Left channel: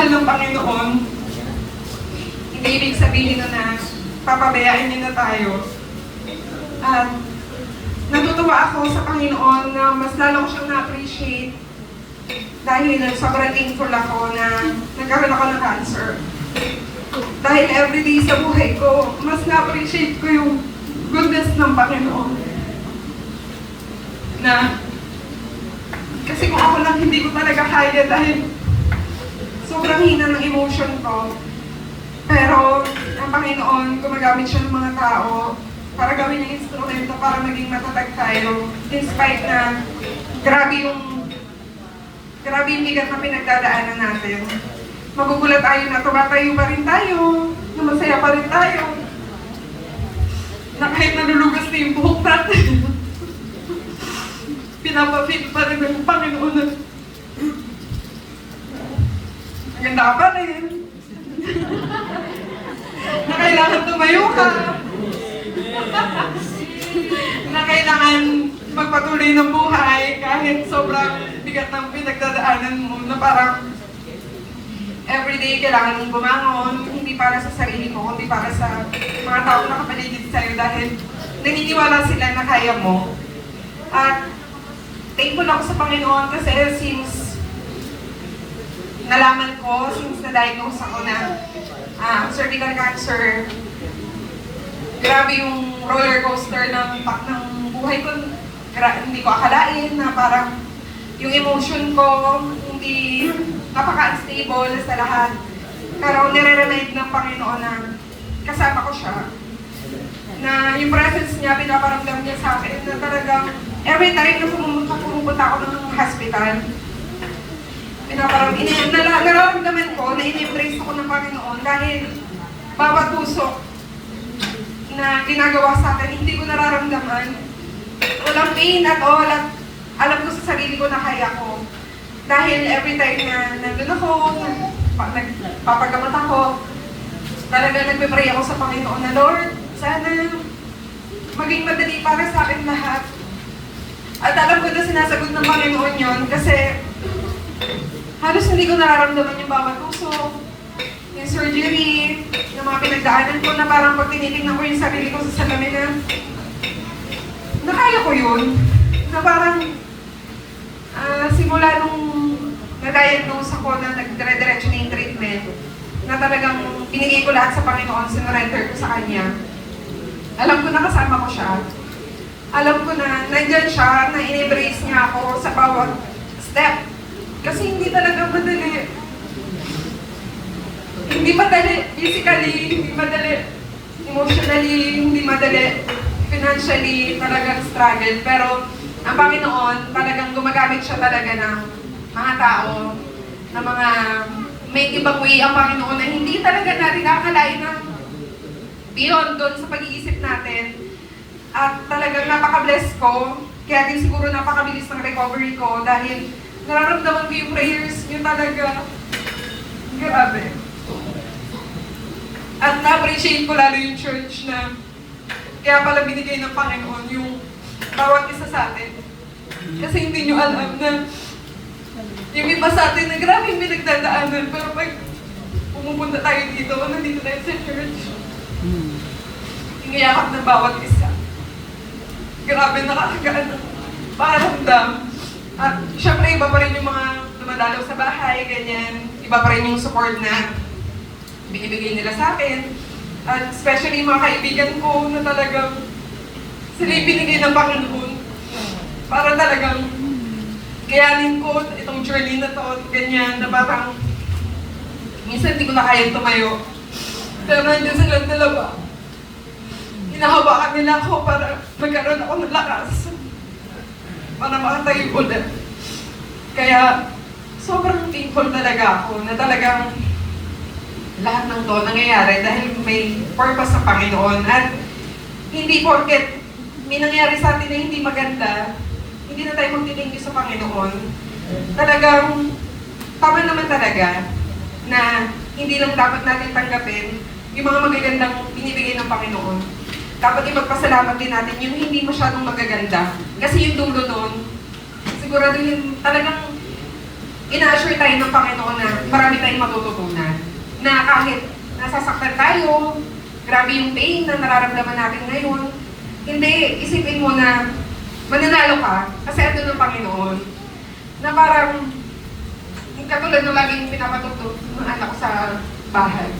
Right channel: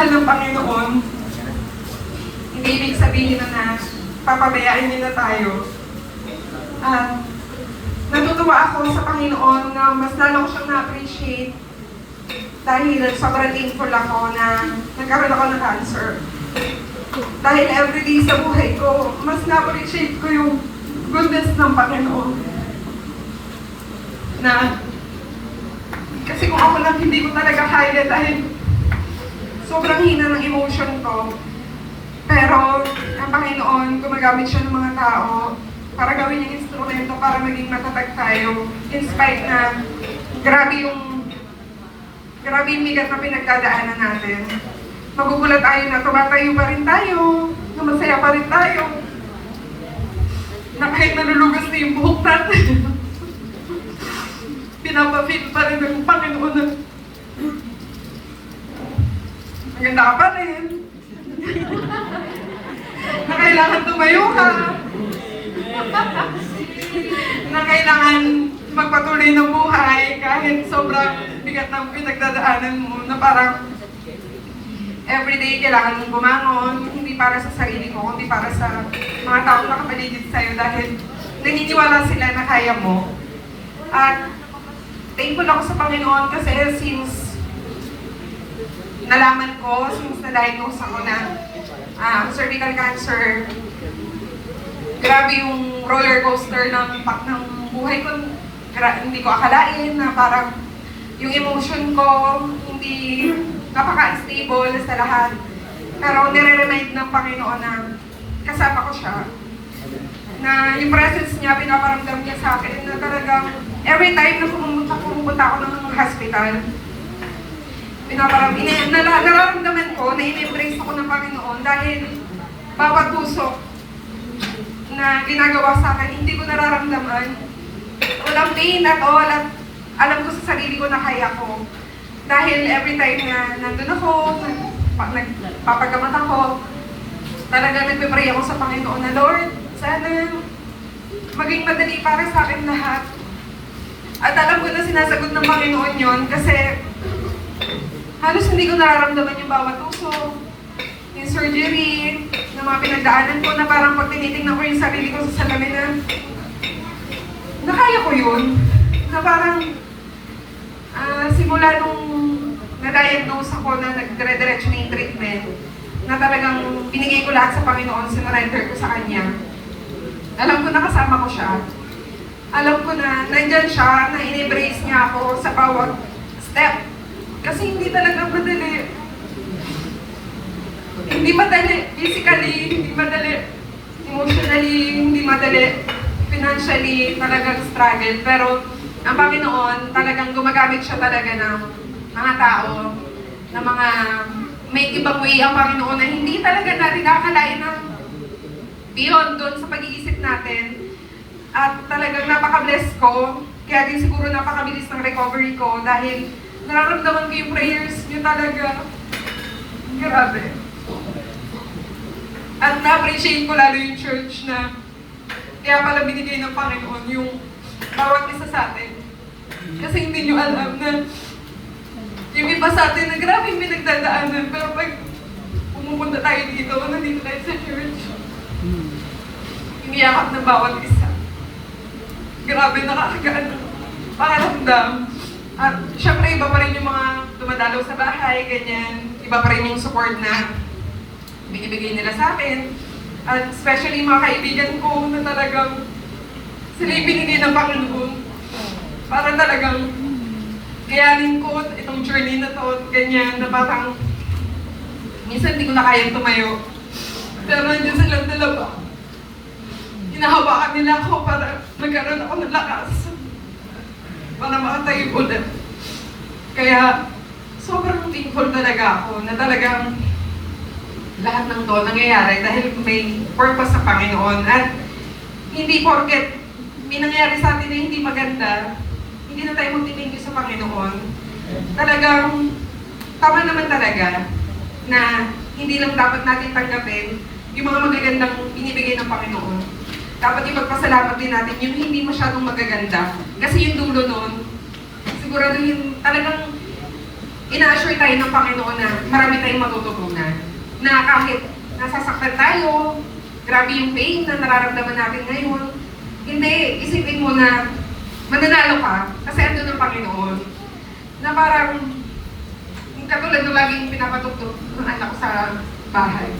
pagmamahal ng Panginoon, hindi ibig sabihin na papabayaan niya na tayo. Natutuwa ako sa Panginoon na mas lalo ko siyang na-appreciate dahil sobrang thankful ako na nagkaroon ako ng cancer. Dahil everyday sa buhay ko, mas na-appreciate ko yung goodness ng Panginoon. Kasi kung ako lang hindi ko talaga kaya dahil sobrang hina ng emotion ko. Pero ang Panginoon, gumagamit siya ng mga tao para gawin yung instrumento para maging matatag tayo. In spite na grabe yung bigat na pinagdadaanan natin. Magugulat tayo na tumatayo pa rin tayo, na masaya pa rin tayo, na kahit nalulugas na yung buhok natin, pinapapil pa rin ng Panginoon na ganda ka pa rin, na kailangan tumayo ka, na kailangan magpatuloy ng buhay kahit sobrang bigat ng pinagdadaanan mo, na parang everyday kailangan mong bumangon, hindi para sa sarili ko, kundi para sa mga taong nakapaligid sa'yo dahil naniniwala sila na kaya mo. At thankful ako sa Panginoon kasi since nalaman ko, since na-diagnose ako na cervical cancer, grabe yung roller coaster ng buhay ko. Hindi ko akalain na parang yung emotion ko hindi napaka-unstable sa lahat. Pero nire-remind ng Panginoon na kasama ko siya. Na yung presence niya, pinaparamdam niya sa akin na talagang every time na pumupunta ako ng hospital, nararamdaman ko na in-embrace ako ng Panginoon dahil bawat tusok na ginagawa sa akin, hindi ko nararamdaman. Walang pain at all at alam ko sa sarili ko na kaya ko. Dahil every time na nandun ako, nagpapagamot ako, talaga nagpe-pray ako sa Panginoon na, Lord, sana maging madali para sa akin lahat. At alam ko na sinasagot ng Panginoon yun kasi halos hindi ko nararamdaman yung bawat tuso, yung surgery, yung mga pinagdaanan ko na parang pag tinitingnan ko yung sarili ko sa salamin na kaya ko yun. Na parang simula nung na-diagnose ako na nagdire-diretso na yung treatment, na talagang binigay ko lahat sa Panginoon, sinurrender ko sa Kanya. Alam ko na kasama ko siya. Alam ko na nandyan siya, na in-embrace niya ako sa bawat step. Kasi hindi talaga madali. Hindi madali physically, hindi madali emotionally, hindi madali financially, talagang struggle. Pero ang Panginoon, talagang gumagamit siya talaga ng mga tao, na mga may ibang way ang Panginoon na hindi talaga natin akalain na beyond doon sa pag-iisip natin. At talagang napaka-bless ko, kaya din siguro napakabilis ng recovery ko dahil nararamdaman ko yung prayers niyo talaga. Grabe. At na-appreciate ko lalo yung church na kaya pala binigay ng Panginoon yung bawat isa sa atin. Kasi hindi nyo alam na yung iba sa atin na grabe yung pinagdadaanan, pero pag pumupunta tayo dito, nandito tayo sa church, ingayakap na bawat isa. Grabe, nakakagaan pakiramdam. At syempre, iba pa rin yung mga dumadalaw sa bahay, ganyan. Iba pa rin yung support na binibigay nila sa akin. At especially mga kaibigan ko na talagang sila yung binigay ng Panginoon para talagang kayanin ko itong journey na to, ganyan, na parang minsan hindi ko na kayang tumayo. Pero nandiyan silang dalawa. Hinahawakan nila ako para magkaroon ako ng lakas para makatayo ulit. Kaya sobrang thankful talaga ako na talagang lahat ng to nangyayari dahil may purpose sa Panginoon. At hindi porket may nangyari sa atin na hindi maganda, hindi na tayo magtitingin sa Panginoon. Talagang tama naman talaga na hindi lang dapat natin tanggapin yung mga magagandang binibigay ng Panginoon. Dapat ipagpasalamat din natin yung hindi masyadong magaganda. Kasi yung dulo nun, siguro yung talagang ina-assure tayo ng Panginoon na marami tayong matututunan. Na kahit nasasaktan tayo, grabe yung pain na nararamdaman natin ngayon, hindi, isipin mo na mananalo ka kasi ando ng Panginoon. Na parang, katulad nung laging pinapatutut ng anak ko sa bahay.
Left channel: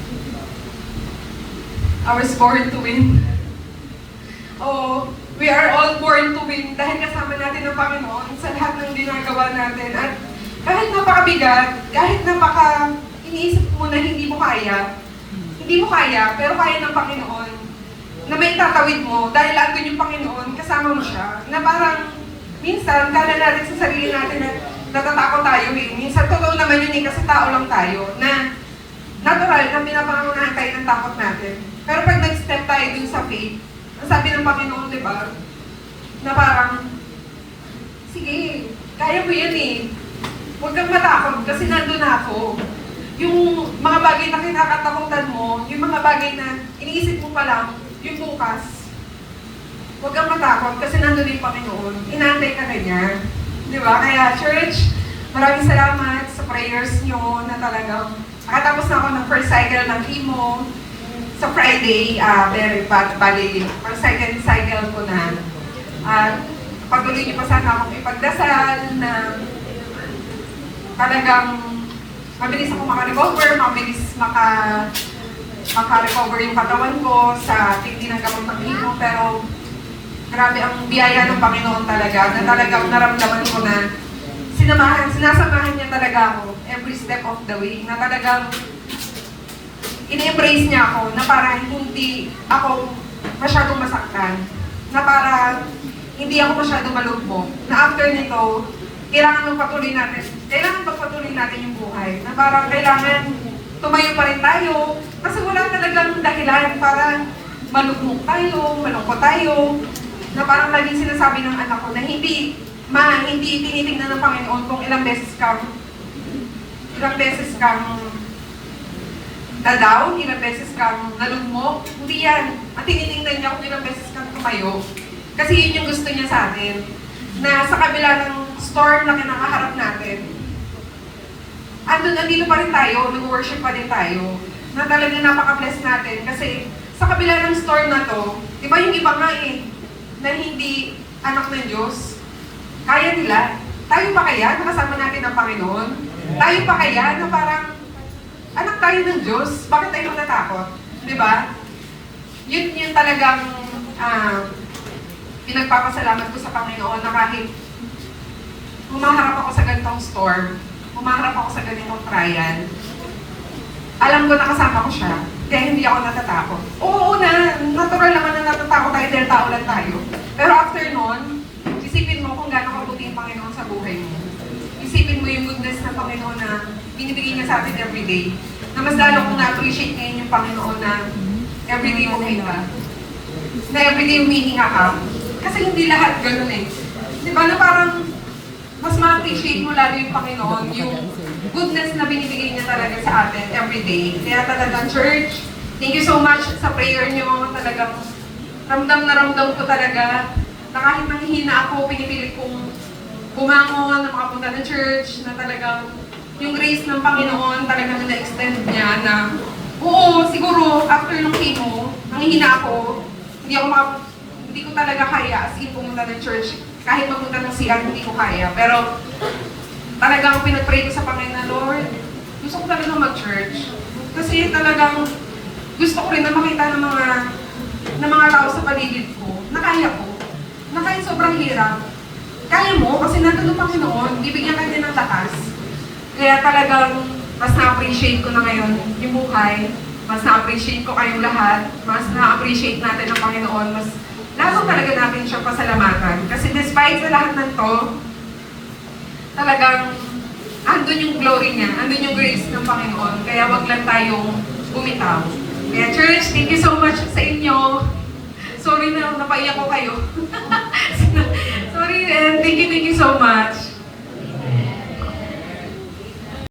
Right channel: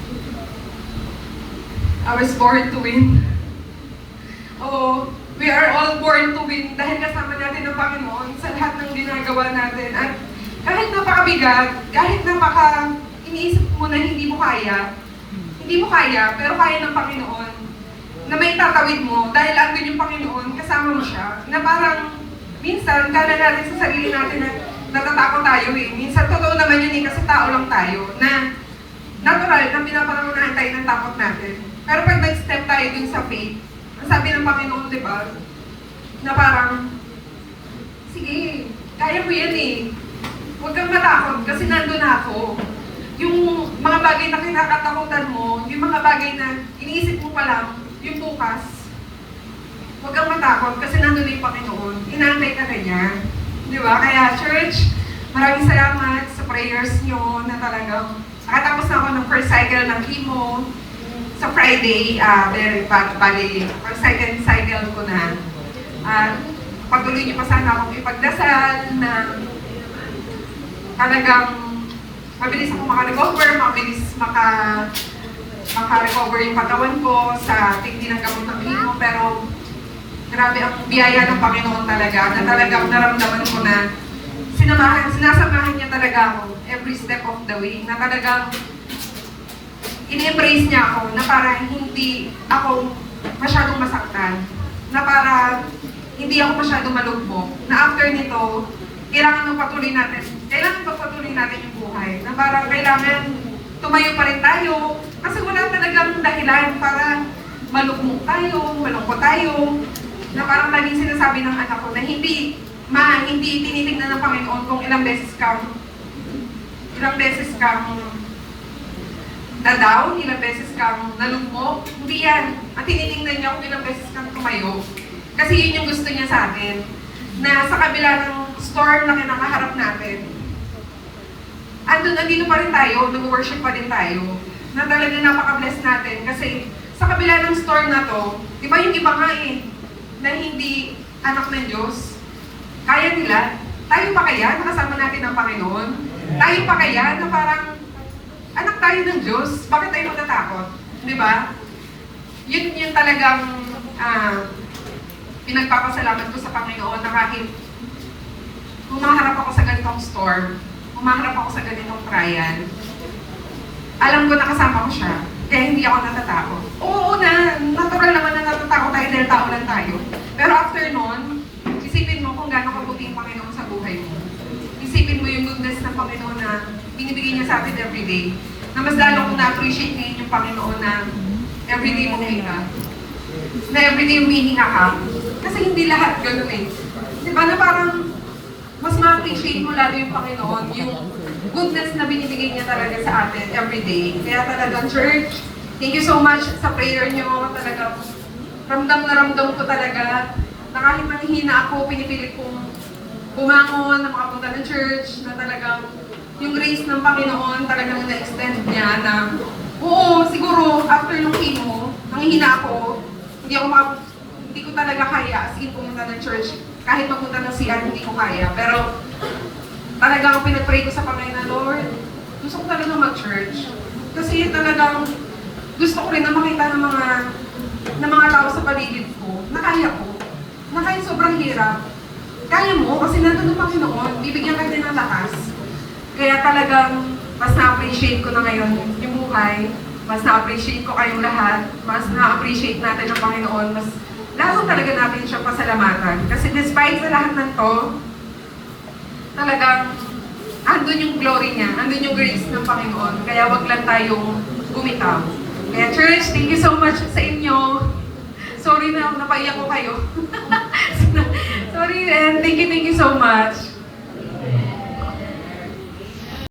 I was born to win. Oh, we are all born to win dahil kasama natin ng Panginoon sa lahat ng ginagawa natin. At kahit napakabigat, kahit iniisip mo na hindi mo kaya, pero kaya ng Panginoon, na may tatawid mo dahil andun yung Panginoon, kasama mo siya, na parang minsan, kaya natin sa sarili natin na natatakot tayo eh. Minsan, totoo naman yun eh, kasi tao lang tayo, na natural na pinapangunahan tayo ng takot natin. Pero pag nag-step tayo dun sa faith, ang sabi ng Panginoon, di ba, na parang, sige, kaya mo yan eh. Huwag kang matakot kasi nandun na ako. Yung mga bagay na kinakatakutan mo, yung mga bagay na iniisip mo pa lang, yung bukas, huwag kang matakot kasi nandun na yung Panginoon. Inaantay ka na niya. Di ba? Kaya church, maraming salamat sa prayers nyo na talagang nakatapos na ako ng first cycle ng chemo. Sa Friday, bali, first cycle ko na. Patuloy niyo pa sana akong ipagdasal na talagang mabilis ako makarecover, mabilis makarecover yung katawan ko sa tindi ng gamot ng chemo, pero grabe ang biyaya ng Panginoon talaga, na talagang naramdaman ko na sinasamahan niya talaga ako every step of the way, na talagang in-embrace niya ako, na para hindi ako masyadong masaktan, na para hindi ako masyadong malugmok, na after nito, kailangan pagpatuloy natin yung buhay, na parang kailangan tumayo pa rin tayo, kasi wala talagang dahilan para malugmok tayo, malungkot tayo, na parang laging sinasabi ng anak ko na hindi tinitingnan ng Panginoon kung ilang beses kang dadaw, ilang beses kang nalugmok. Hindi yan. Ang tinitingnan niya kung ilang beses kang tumayo. Kasi yun yung gusto niya sa atin. Na sa kabila ng storm na kinakaharap natin, andito pa rin tayo, nag-worship pa rin tayo, na talagang napaka-bless natin. Kasi sa kabila ng storm na to, di ba yung iba nga eh, na hindi anak ng Diyos, kaya nila. Tayo pa kaya na kasama natin ang Panginoon? Tayo pa kaya na parang anak tayo ng Diyos? Bakit tayo matatakot? Di ba? Yun talagang pinagpapasalamat ko sa Panginoon na kahit humaharap ako sa ganitong storm, humaharap ako sa ganitong trial, alam ko na kasama ko siya. Kaya hindi ako natatakot. Oo na, natural naman na natatakot tayo dahil tao lang tayo. Pero after nun, isipin mo kung gano'ng kabuti yung Panginoon sa buhay mo. Isipin mo yung goodness ng Panginoon na binibigay niya sa atin everyday. Na mas lalo kong na-appreciate ngayon yung Panginoon na everyday umihinga. Na everyday umihinga ka. Kasi hindi lahat gano'n eh. Diba na parang mas ma-appreciate mo lalo yung Panginoon, yung goodness na binibigay niya talaga sa atin everyday. Kaya talagang church, thank you so much sa prayer niyo. Talagang ramdam ko talaga na kahit manghihina ako, pinipilit kong bumangon na makapunta ng church, na talagang yung grace ng Panginoon talagang na-extend niya na oo, siguro after ng chemo, nanghihina ako, hindi ko talaga kaya as in pumunta ng church. Kahit mapunta ng CR, hindi ko kaya. Pero talagang pinag-pray ko sa Panginoon, Lord, gusto ko talaga mag-church. Kasi talagang gusto ko rin na makita ng mga tao sa paligid ko, na kaya ko. Na kahit sobrang hirap, kaya mo kasi nandun ang Panginoon, bibigyan ka din ng lakas. Kaya talagang mas na-appreciate ko na ngayon yung buhay, mas na-appreciate ko kayong lahat, mas na-appreciate natin ang Panginoon, mas lalo talaga natin siya pasalamatan. Kasi despite sa lahat ng to, talagang andun yung glory niya, andun yung grace ng Panginoon. Kaya wag lang tayong bumitaw. Kaya church, thank you so much sa inyo. Sorry na napaiyak ko kayo. Sorry and thank you so much.